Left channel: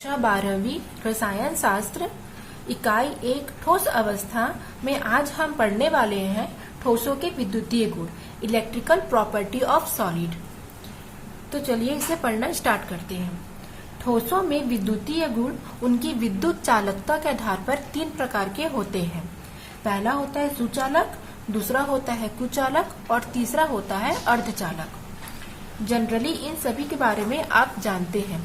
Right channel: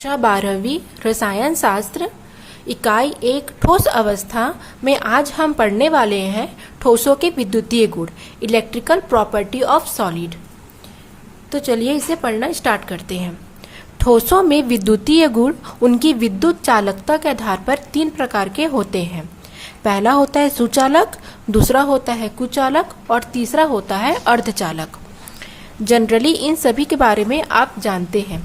कक्षा 12वीं रसायन शास्त्र इकाई 1 ठोस अवस्था में आज हम पढ़ने वाले हैं ठोसों के विद्युतीय गुण इलेक्ट्रिकल प्रॉपर्टी ऑफ सॉलिड। तो चलिए इसे पढ़ना स्टार्ट करते हैं। ठोसों में विद्युतीय गुण उनकी विद्युत चालकता के आधार पर 3 प्रकार के होते हैं। पहला होता है सुचालक, दूसरा होता है कुचालक और तीसरा होता है अर्धचालक। जनरली इन सभी के बारे में आप जानते हैं।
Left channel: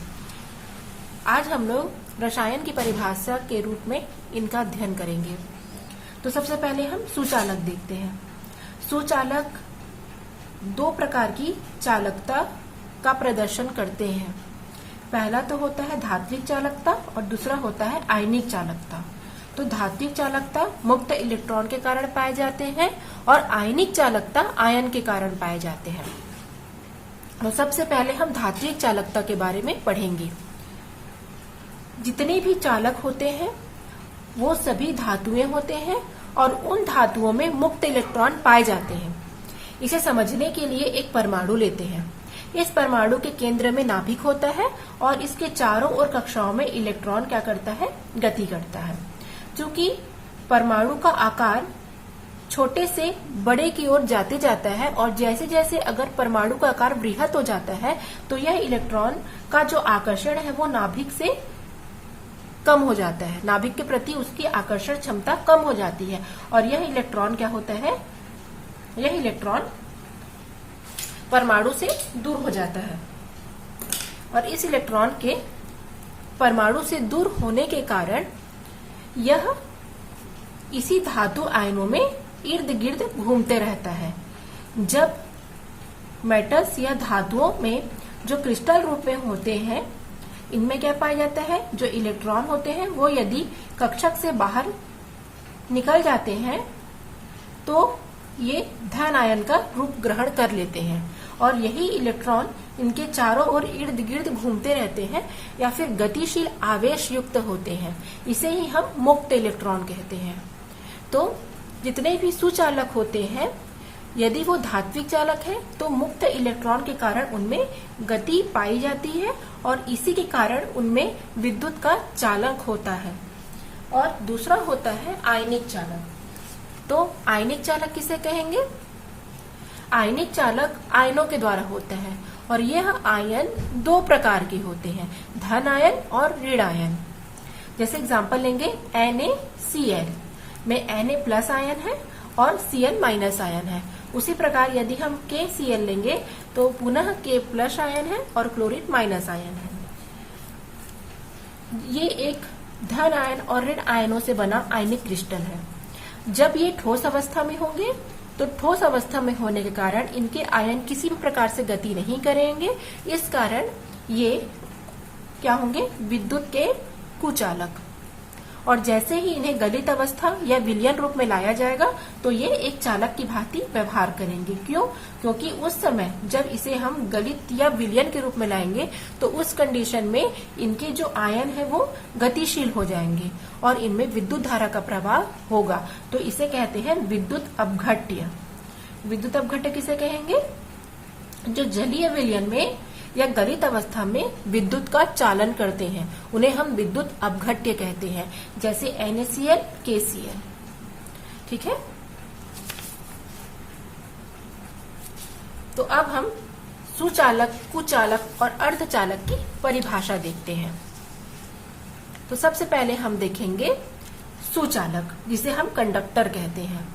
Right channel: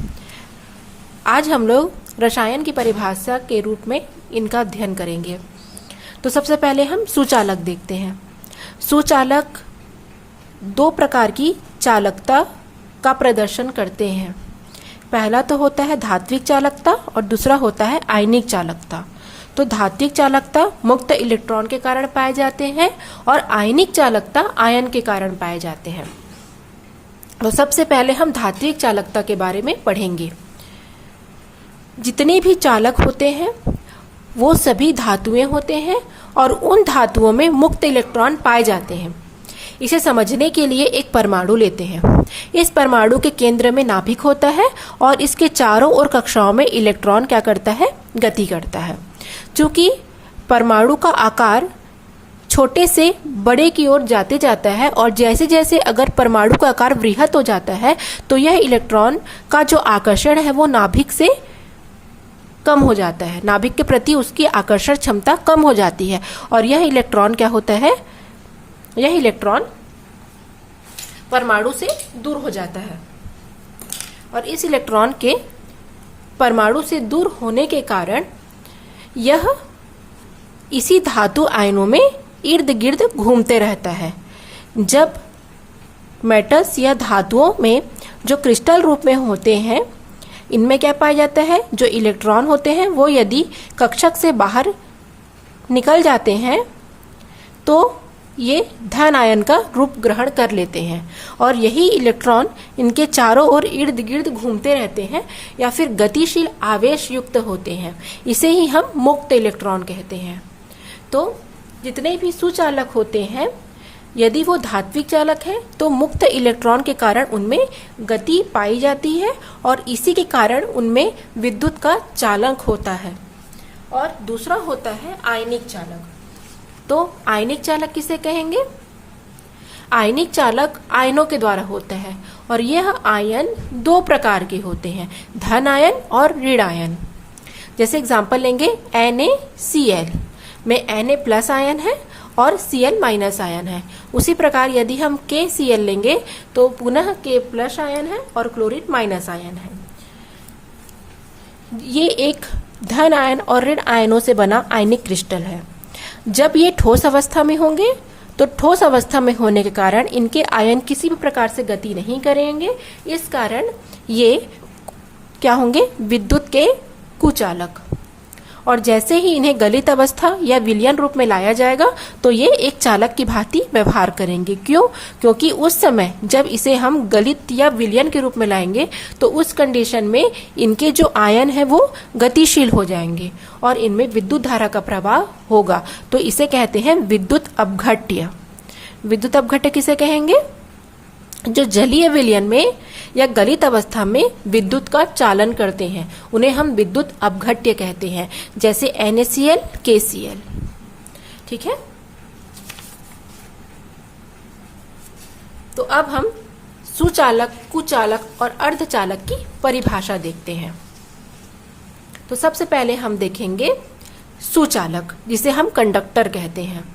आज हम लोग रसायन की परिभाषा के रूप में इनका अध्ययन करेंगे। तो सबसे पहले हम सुचालक देखते हैं। सुचालक 2 प्रकार की चालकता का प्रदर्शन करते हैं। पहला तो होता है धात्विक चालकता और दूसरा होता है आयनिक चालकता। तो धात्विक चालकता मुक्त इलेक्ट्रॉन के कारण पाए जाते हैं और आयनिक चालकता आयन के कारण पाए जाते हैं। तो सबसे पहले हम धात्विक चालकता के बारे में पढ़ेंगे। जितने भी चालक होते हैं वो सभी धातुएं होते हैं और उन धातुओं में मुक्त इलेक्ट्रॉन पाए जाते हैं। इसे समझने के लिए एक परमाणु लेते हैं। इस परमाणु के केंद्र में नाभिक होता है और इसके चारों ओर कक्षाओं में इलेक्ट्रॉन क्या करता है, गति करता है। चूंकि परमाणु का आकार छोटे से बड़े की ओर जाते जाता है और जैसे जैसे अगर परमाणु का आकार वृहत हो जाता है तो यह इलेक्ट्रॉन का जो आकर्षण है वो नाभिक से कम हो जाता है। नाभिक के प्रति उसकी आकर्षण क्षमता कम हो जाती है और यह इलेक्ट्रॉन क्या होता है, यह इलेक्ट्रॉन परमाणु से दूर हो जाता है। और इस इलेक्ट्रॉन के परमाणु से दूर होने के कारण यह इसी धातु आयनों में इर्द गिर्द घूमते रहता है। जब मेटल्स या धातुओं में जो क्रिस्टल रूप में होते हैं इनमें क्या पाया जाता है, जो इलेक्ट्रॉन होते हैं वो यदि कक्षक से बाहर निकल जाते हैं तो ये धन आयन का रूप ग्रहण कर लेते हैं और यही इलेक्ट्रॉन इनके चारों ओर इर्द गिर्द घूमते रहते हैं या फिर गतिशील आवेश युक्त होते हैं। इसे ही हम मुक्त इलेक्ट्रॉन कहते हैं। तो जितने भी सुचालक होते हैं यदि वो धात्विक चालक है तो मुक्त इलेक्ट्रॉन के कारण उनमें गति पाई जाती है और इसी के कारण उनमें विद्युत का चालक होता है। और दूसरा होता है आयनिक चालक। तो आयनिक चालक किसे कहेंगे? आयनिक चालक आयनों के द्वारा होते हैं और यह आयन 2 प्रकार के होते हैं, धन आयन और ऋण आयन। जैसे एग्जांपल लेंगे NaCl में Na प्लस आयन है और Cl माइनस आयन है। उसी प्रकार यदि हम KCl लेंगे तो पुनः K प्लस आयन है और क्लोरीन माइनस आयन है। ये एक धन आयन और ऋण आयनों से बना आयनिक क्रिस्टल है। जब ये ठोस अवस्था में होंगे तो ठोस अवस्था में होने के कारण इनके आयन किसी भी प्रकार से गति नहीं करेंगे। इस कारण ये क्या होंगे, विद्युत के कुचालक। और जैसे ही इन्हें गलित अवस्था या विलयन रूप में लाया जाएगा तो ये एक चालक की भांति व्यवहार करेंगे। क्यों? क्योंकि उस समय जब इसे हम गलित या विलयन के रूप में लाएंगे तो उस कंडीशन में इनके जो आयन है वो गतिशील हो जाएंगे और इनमें विद्युत धारा का प्रवाह होगा। तो इसे कहते हैं विद्युत अपघट्य। विद्युत अपघट्य किसे कहेंगे? जो जलीय विलयन में या गलित अवस्था में विद्युत का चालन करते हैं उन्हें हम विद्युत अपघट्य कहते हैं। जैसे NaCl, KCl। ठीक है। तो अब हम सुचालक, कुचालक और अर्धचालक की परिभाषा देखते हैं। तो सबसे पहले हम देखेंगे सुचालक, जिसे हम कंडक्टर कहते हैं।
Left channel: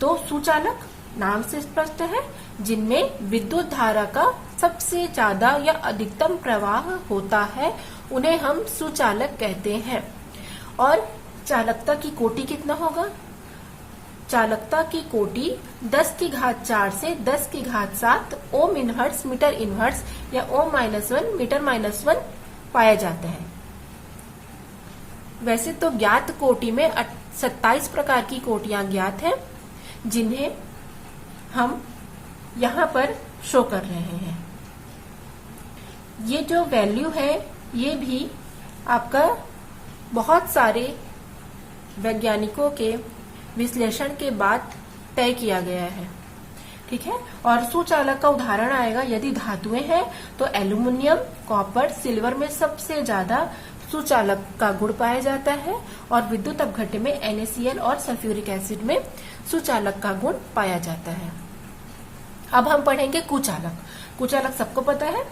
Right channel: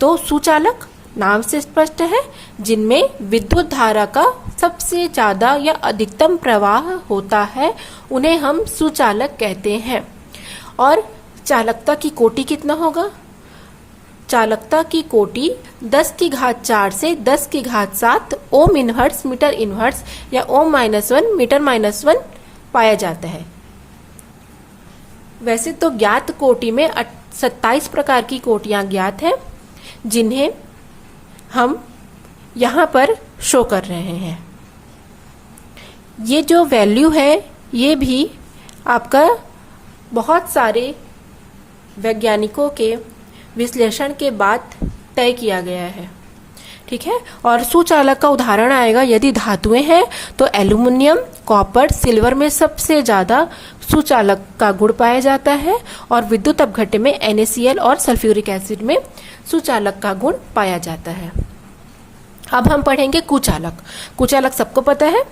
तो सुचालक नाम से स्पष्ट है, जिनमें विद्युत धारा का सबसे ज्यादा या अधिकतम प्रवाह होता है उन्हें हम सुचालक कहते हैं। और चालकता की कोटि कितना होगा? चालकता की कोटि 10 की घात 4 से 10 की घात 7 ओम इनवर्स मीटर इनवर्स या ओम-1 मीटर-1 पाया जाता है। वैसे तो ज्ञात कोटि में 27 प्रकार की कोटियां ज्ञात हैं जिन्हें हम यहाँ पर शो कर रहे हैं। ये जो वैल्यू है ये भी आपका बहुत सारे वैज्ञानिकों के विश्लेषण के बाद तय किया गया है। ठीक है। और सुचालक का उदाहरण आएगा, यदि धातुएं हैं तो एल्यूमिनियम, कॉपर, सिल्वर में सबसे ज्यादा सुचालक का गुण पाया जाता है, और विद्युत अपघट्य में NaCl और सल्फ्यूरिक एसिड में सुचालक का गुण पाया जाता है। अब हम पढ़ेंगे कुचालक। कुचालक सबको पता है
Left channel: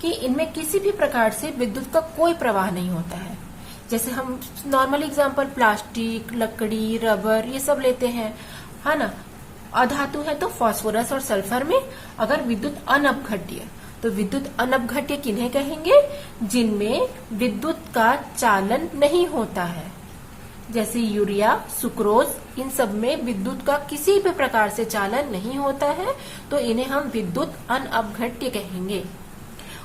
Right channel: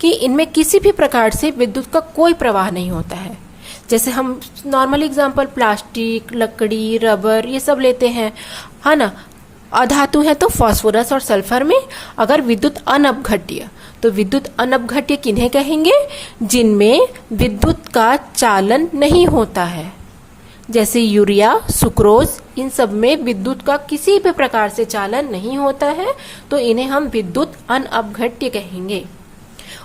कि इनमें किसी भी प्रकार से विद्युत का कोई प्रवाह नहीं होता है। जैसे हम नॉर्मल एग्जांपल प्लास्टिक, लकड़ी, रबर ये सब लेते हैं, है ना। अधातु है तो फास्फोरस और सल्फर में अगर विद्युत अनपघट्य, तो विद्युत अनपघट्य किन्हें कहेंगे? जिनमें विद्युत का चालन नहीं होता है, जैसे यूरिया, सुक्रोज, इन सब में विद्युत का किसी भी प्रकार से चालन नहीं होता है, तो इन्हें हम विद्युत अनपघट्य कहेंगे।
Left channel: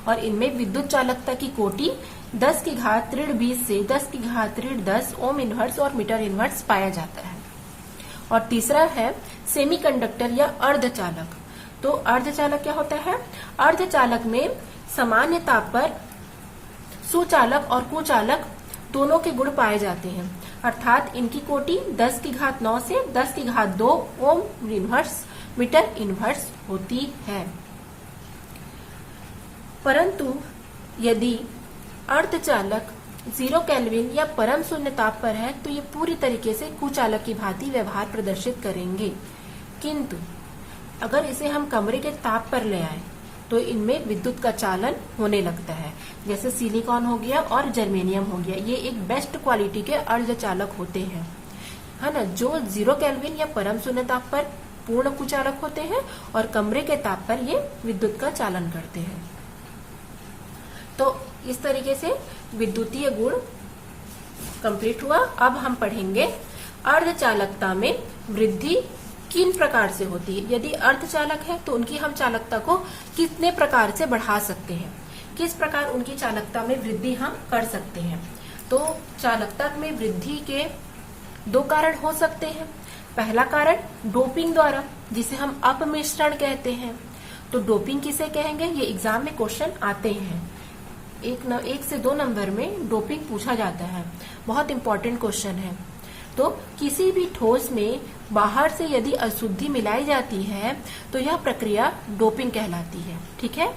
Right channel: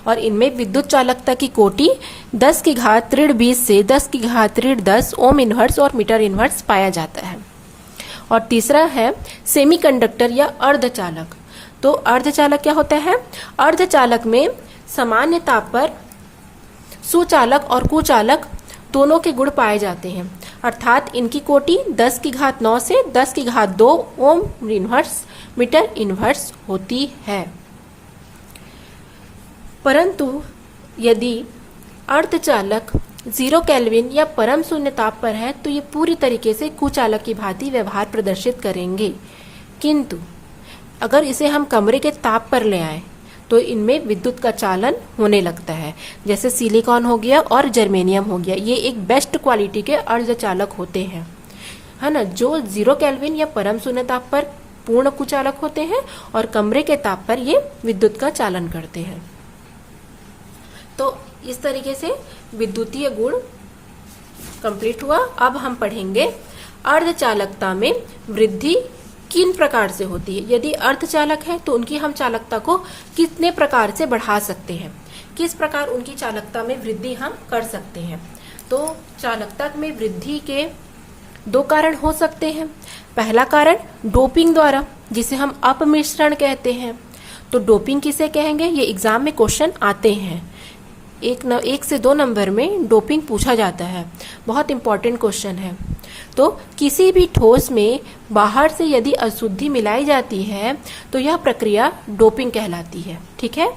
और इनमें विद्युत चालकता की कोटि 10 की घात ऋण 20 से 10 की घात ऋण 10 ओम इनवर्स और मीटर इनवर्स पाया जाता है। और तीसरा है सेमीकंडक्टर या अर्धचालक। तो अर्धचालक क्या होता है? अर्धचालक में सामान्य ताप पर सुचालक और कुचालक दोनों के गुण पाए जाते हैं, अर्थात इनकी कोटि 10 की घात 9 से 10 की घात 2 ओम इनवर्स मीटर इनवर्स होती है। परंतु यदि अर्धचालक 0 केल्विन या परम शून्य ताप पर है तो ये पूरी तरीके से कुचालक की भांति व्यवहार प्रदर्शित करेंगे। किंतु अगर इसे हम कमरे के ताप पर ले आए तो इनमें विद्युत का चालन होने लगता है, जैसे सिलिकॉन हो गया और जर्मेनियम हो गया। ये एक बेस्ट क्वालिटी के अर्धचालक होते हैं, है ना, जो 0 केल्विन या परम शून्य ताप पर पूर्ण कुचालक होते हैं और कमरे के ताप पर ये विद्युत का चालन करते हैं। तो इस तरीके से विद्युतीय गुण कंप्लीट हुआ। अब हम पढ़ेंगे अर्धचालकता में वृद्धि किन प्रकार से होती है। यदि अर्धचालक है तो उनकी हम चालकता को कितने प्रकार से बढ़ा सकते हैं, किस प्रकार उनकी चालकता में वृद्धि हम कर सकते हैं। तो चालकता में वृद्धि के 2 कारण हो सकते हैं। पहला कारण डोपिंग द्वारा, जिसे हम अपमिश्रण कहते हैं। तो डोपिंग किसे कहेंगे? ये एग्जाम में क्वेश्चन आते हैं, 1 से 2 नंबर में डोपिंग पूछा जाता है, बहुत इंपॉर्टेंट क्वेश्चन है। तो किसी भी ठोस में बाहर से यदि अशुद्धि मिलाई जाती है तो यह प्रक्रिया डोपिंग कहलाती है। ठीक है,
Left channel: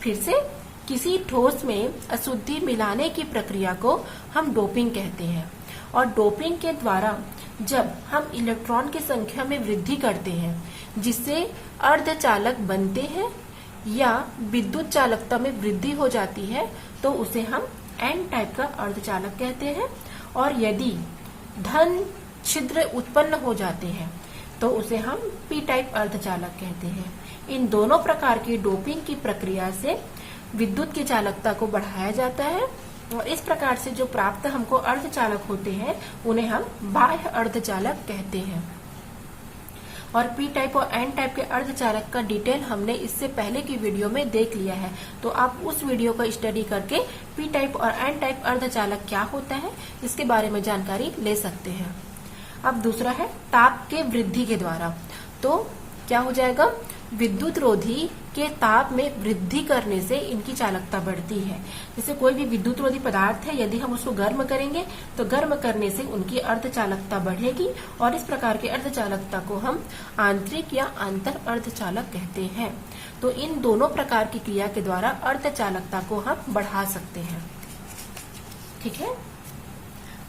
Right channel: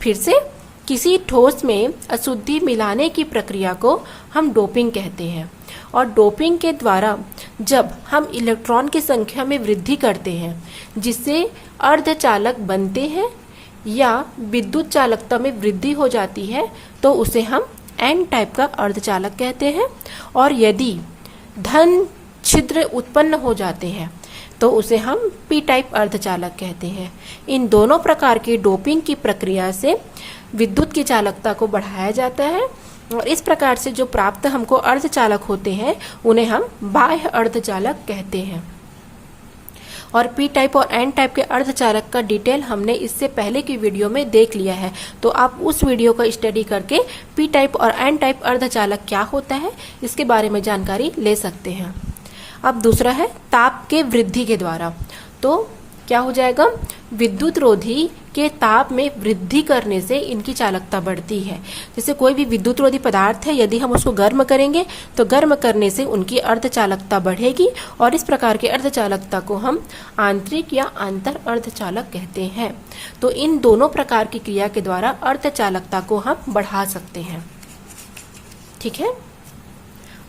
फिर से किसी ठोस में अशुद्धि मिलाने की प्रक्रिया को हम डोपिंग कहते हैं। और डोपिंग के द्वारा जब हम इलेक्ट्रॉन की संख्या में वृद्धि करते हैं जिससे अर्धचालक बनते हैं या विद्युत चालकता में वृद्धि हो जाती है तो उसे हम एन टाइप का अर्धचालक कहते हैं। और यदि धन छिद्र उत्पन्न हो जाते हैं तो उसे हम पी टाइप अर्धचालक कहते हैं। इन दोनों प्रकार की डोपिंग की प्रक्रिया से विद्युत की चालकता को बढ़ाया जाता है, और इस प्रकार से जो प्राप्त हमको अर्धचालक होते हैं उन्हें हम बाह्य अर्धचालक कहते हैं। और पी टाइप और एन टाइप के अर्धचालक का डिटेल हमने इससे पहले की वीडियो में देख लिया है, तो आप उस वीडियो का स्टडी करके पी टाइप और एन टाइप अर्धचालक क्या होता है इसके बारे में जानकारी ले सकते हैं। अब दूसरा है ताप के वृद्धि के द्वारा। तो क्या हो जाएगा? विद्युत रोधी के ताप में वृद्धि करने से इनकी चालकता बढ़ती है। जैसे कोई भी विद्युत रोधी पदार्थ है, यदि हम उसको गर्म करेंगे तो गर्म करने से उनकी अर्धचालकता बढ़ेगी, और इस प्रकार के अर्धचालकता को हम आंतरिक या अंतर अर्धचालक कहते हैं। तो इन दोनों प्रकार की क्रिया के द्वारा अर्धचालकता को हम बढ़ा सकते हैं। ठीक है,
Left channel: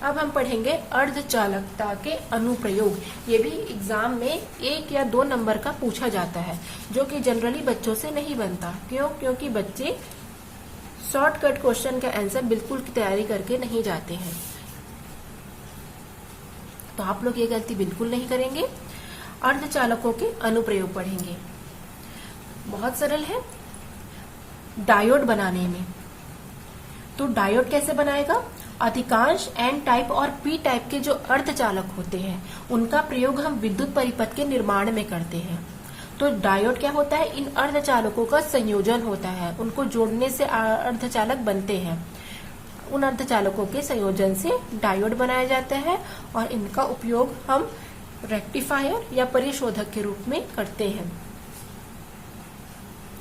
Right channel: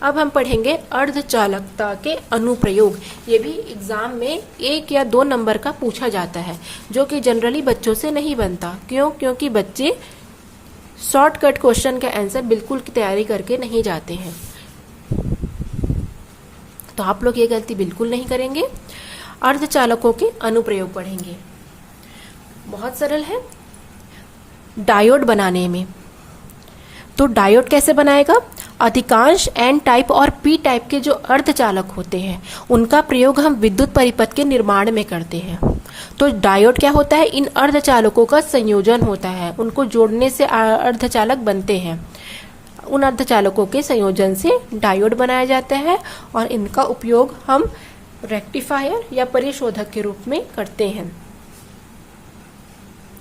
अब हम पढ़ेंगे अर्धचालकता के अनुप्रयोग। ये भी एग्जाम में 1 या 2 नंबर का पूछा जाता है, जो कि जनरली बच्चों से नहीं बनता। क्यों? क्योंकि बच्चे शॉर्टकट क्वेश्चन का आंसर बिल्कुल की तैयारी करके नहीं जाते हैं। तो आप लोग ये गलती बिल्कुल नहीं करेंगे। अर्धचालकों के अनुप्रयोग पढ़ेंगे, बहुत सरल है। डायोड बनाने में, तो डायोड कैसे बनाएगा? अधिकांश एन टाइप और पी टाइप के जो अर्धचालक होते हैं उनका प्रयोग हम विद्युत परिपथ के निर्माण में करते हैं। तो डायोड क्या होता है? इन अर्धचालकों का संयोजन होता है, उनको जोड़ने से अर्धचालक बनते हैं। उन अर्धचालकों के संयोजन से डायोड बनाया जाता है, और इनका उपयोग हम रेक्टिफायर या परिशोधक के रूप में करते हैं।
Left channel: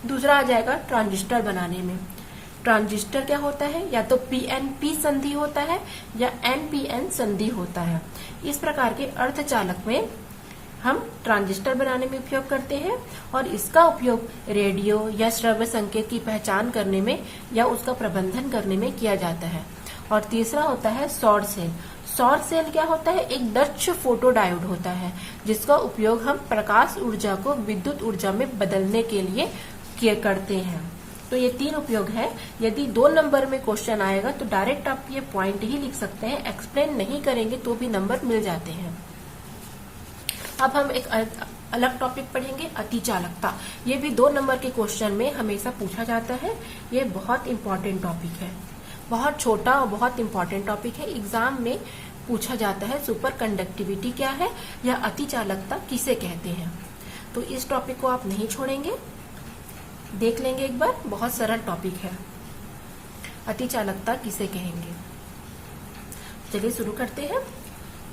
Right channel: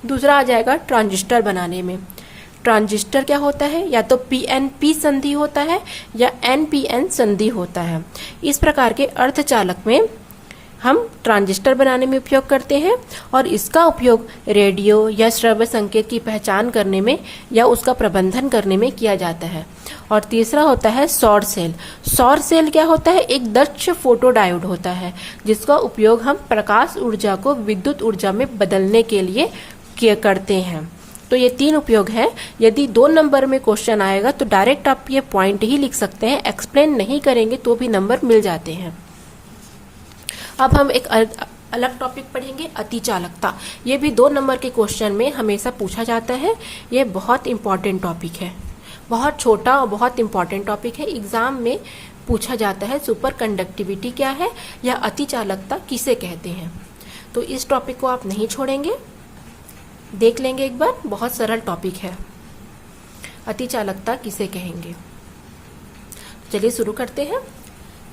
दूसरा आ जाएगा ट्रांजिस्टर बनाने में। ट्रांजिस्टर क्या होता है? या तो पीएनपी संधि होता है या एनपीएन संधि होता है। इस प्रकार के अर्धचालक में हम ट्रांजिस्टर बनाने में उपयोग करते हैं और इसका उपयोग रेडियो या श्रव्य संकेत की पहचान करने में या उसका प्रबंधन करने में किया जाता है। और तीसरा होता है सौर सेल। सौर सेल क्या होता है? एक दक्ष फोटो डायोड होता है जिसका उपयोग हम प्रकाश ऊर्जा को विद्युत ऊर्जा में बदलने के लिए करते हैं। तो ये 3 उपयोग है। यदि 2 नंबर में क्वेश्चन आएगा तो डायरेक्ट आप ये पॉइंट ही लिख सकते हैं, एक्सप्लेन नहीं करेंगे तो भी नंबर मिल जाते हैं। अब हम एक अलग टॉपिक पढ़ेंगे, अतिचालकता। ये भी 2 नंबर के क्वेश्चन में हमेशा पूछा जाता है। ये बहुत इंपॉर्टेंट टॉपिक है, बहुत छोटा और बहुत इंपॉर्टेंट टॉपिक है। एग्जाम में पूछा जाता है सुपर कंडक्टिविटी क्या है या अतिचालकता किसे कहते हैं। तो इस टॉपिक को आप नहीं छोड़ेंगे, देख लेंगे एक बार। बहुत सरल टॉपिक है, अतिचालकता किसे कहेंगे। चलिए शुरू करते हैं।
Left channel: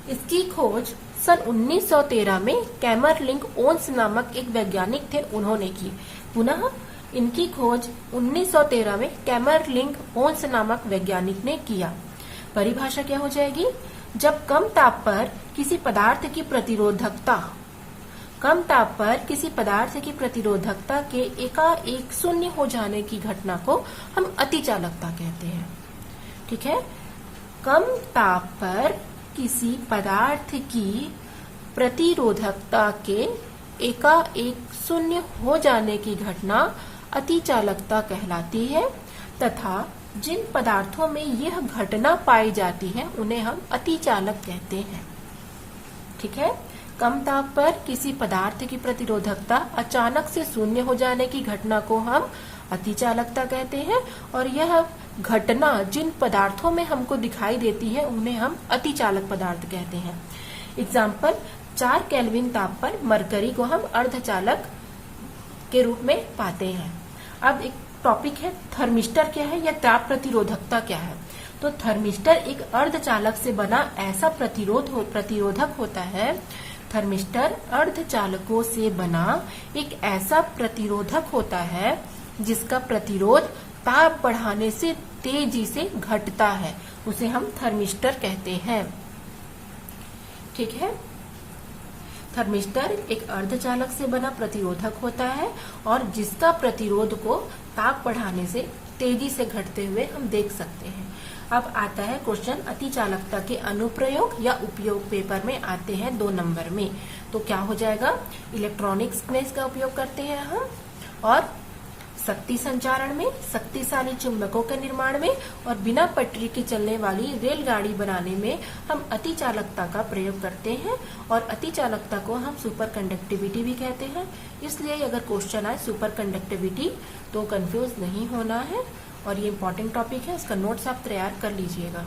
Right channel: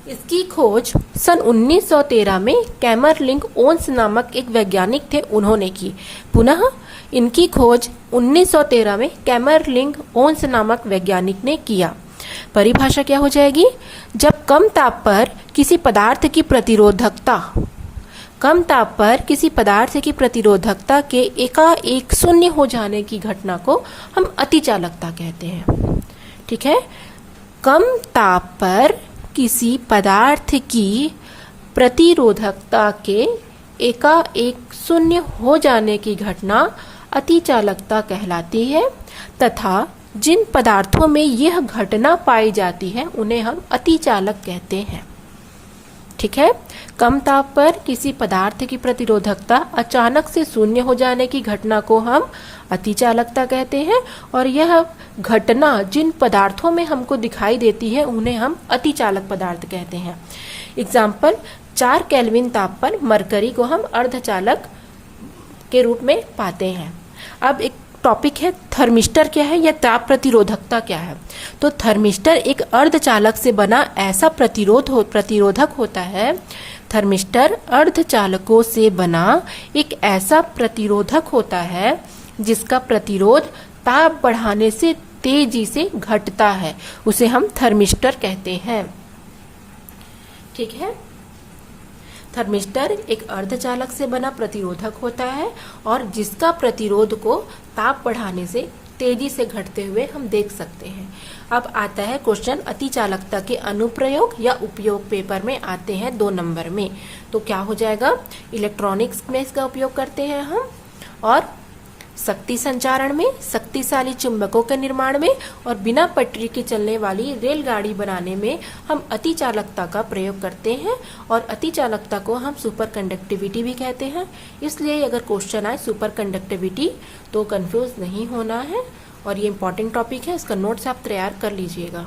इसकी खोज सन 1913 में कैमरलिंग ओन्स नामक एक वैज्ञानिक थे, उन्होंने की। पुनः इनकी खोज 1913 में कैमरलिंग ओन्स नामक वैज्ञानिक ने किया। परिभाषा क्या हो जाएगी? जब कम ताप पर किसी पदार्थ की प्रतिरोधकता के एकाएक शून्य हो जाने की घटना को हम अतिचालकता कहते हैं। ठीक है, कम ताप पर किसी पदार्थ की प्रतिरोधकता के एकाएक शून्य हो जाने की घटना अतिचालकता कहलाती है तथा जिन पदार्थों में यह घटना पाई जाती है उन्हें हम अतिचालक कहते हैं। ठीक है, कम ताप पर किसी पदार्थ की प्रतिरोधकता अचानक से शून्य हो जाने की घटना को हम अतिचालकता कहते हैं और यह घटना जिन पदार्थों में हमको दिखाई देती है उन्हें हम अतिचालक पदार्थ कहते हैं। एग्जाम्पल, 4 केल्विन ताप पर मरकरी को हम अर्धचालक के रूप में पाते हैं। अब एक टॉपिक है थर्मिस्टर क्या है या ताप प्रतिरोधकता क्या है। तो थर्मिस्टर एक अर्धचालक से बना ऐसा प्रतिरोधक होता है। थर्मिस्टर अर्धचालकों से बना एक ऐसा प्रतिरोधक होता है जिसका प्रतिरोध ताप बढ़ाने से तेजी से घटता है, उसे हम थर्मिस्टर कहते हैं। ठीक है, थर्मिस्टर एक अर्धचालक से बना प्रतिरोधक होता है और जिसका प्रतिरोध को ताप बढ़ाने से तेजी से घटते हुए हम देख सकते हैं। अब आता है क्वेश्चन अतिचालकता के अनुप्रयोग या उपयोग, पेपर में आते हैं 2 नंबर में। तो क्या हो जाएगा? इलेक्ट्रॉनिक्स में इसका उपयोग करते हैं हम, और शक्ति संचारण में, शक्तिशाली चुंबकों के निर्माण में, और बिना पटरी के चलने वाली रेलगाड़ी बनाने में हम अतिचालकता का प्रयोग करते हैं। और अतिचालकता को हम सुपर कंडक्टिविटी भी कहते हैं। इसलिए अगर क्वेश्चन आए सुपर कंडक्टिविटी तो कंफ्यूज नहीं होना है। और ये इंपॉर्टेंट टॉपिक है, इसका नोट्स आप तैयार कर लीजिएगा।